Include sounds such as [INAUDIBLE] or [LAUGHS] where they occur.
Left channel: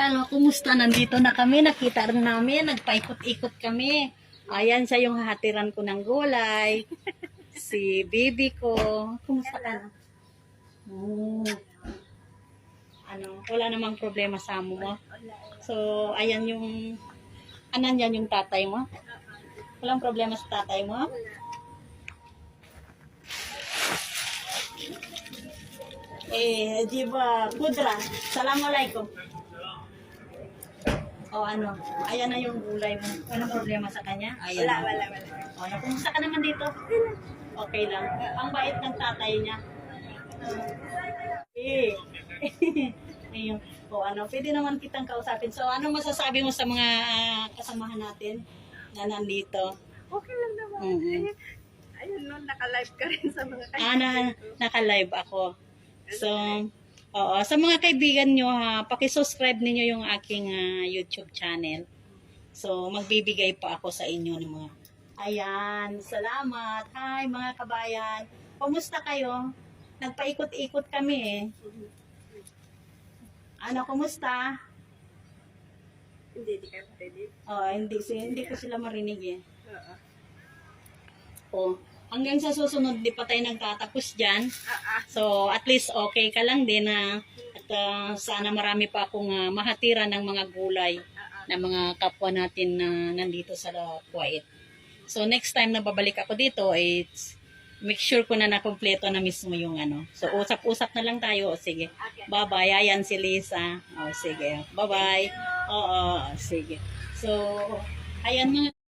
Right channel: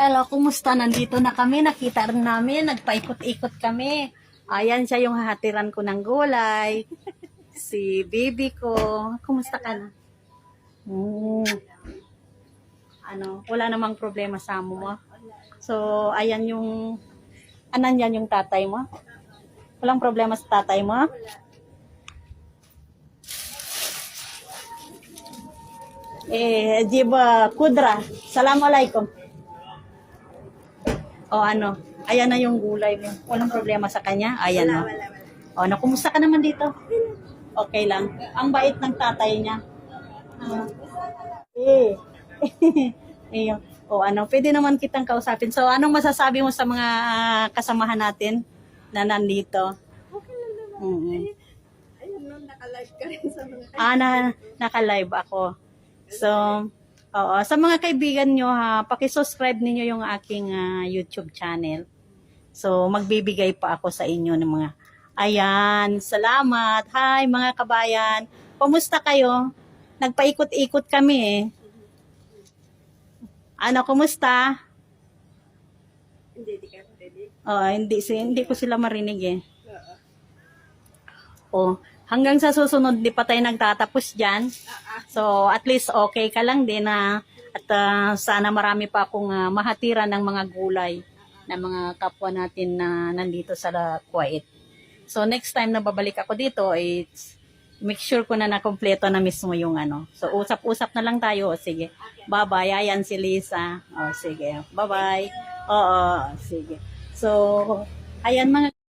Hello, kumusta? Nandito na kami. Nakita rin namin. Nagpaikot-ikot kami. Ayan siya yung hahatiran ko ng gulay. [LAUGHS] Si baby ko. Kumusta ka na? Hmm. Ano, wala namang problema sa amo mo. So, ayan yung, anan yan yung tatay mo? Walang problema sa tatay mo? Eh, Jiba Kudra. Assalamualaikum. O ano, ayan na yung gulay mo. Walang problema sa kanya? Ayan na. Wala, wala. O ano, kumusta ka naman dito? Okay lang. Ang bait ng tatay niya. Eh. [LAUGHS] Ayun. O ano, pwede naman kitang kausapin. So, anong masasabi mo sa mga ah, kasamahan natin na nandito? Okay lang naman. Mm-mm. Ayun, ayun no, naka-live ka rin sa mga Ah, na, naka-live ako. So, oo, sa mga kaibigan nyo ha, paki-subscribe ninyo yung aking ah, YouTube channel. So, magbibigay pa ako sa inyo ng mga Ayan, salamat. Hi mga kabayan. Kumusta kayo? Nagpaikot-ikot kami eh. Ano, kumusta? Hindi, di kayo pwede. Oh, hindi, si- hindi ko sila marinig eh. Oo. Oh, hanggang sa susunod, di pa tayo nagtatapos dyan. So, at least okay ka lang din na at ah, sana marami pa akong ah, mahatiran ng mga gulay ng mga kapwa natin na nandito sa La- Kuwait. So, next time na babalik ako dito, it's make sure ko na nakompleto na mismo yung ano. So, usap-usap na lang tayo. O, sige. Bye-bye. Ayan si Lisa. O, sige. Bye-bye. Oo, sige. So, ayan mga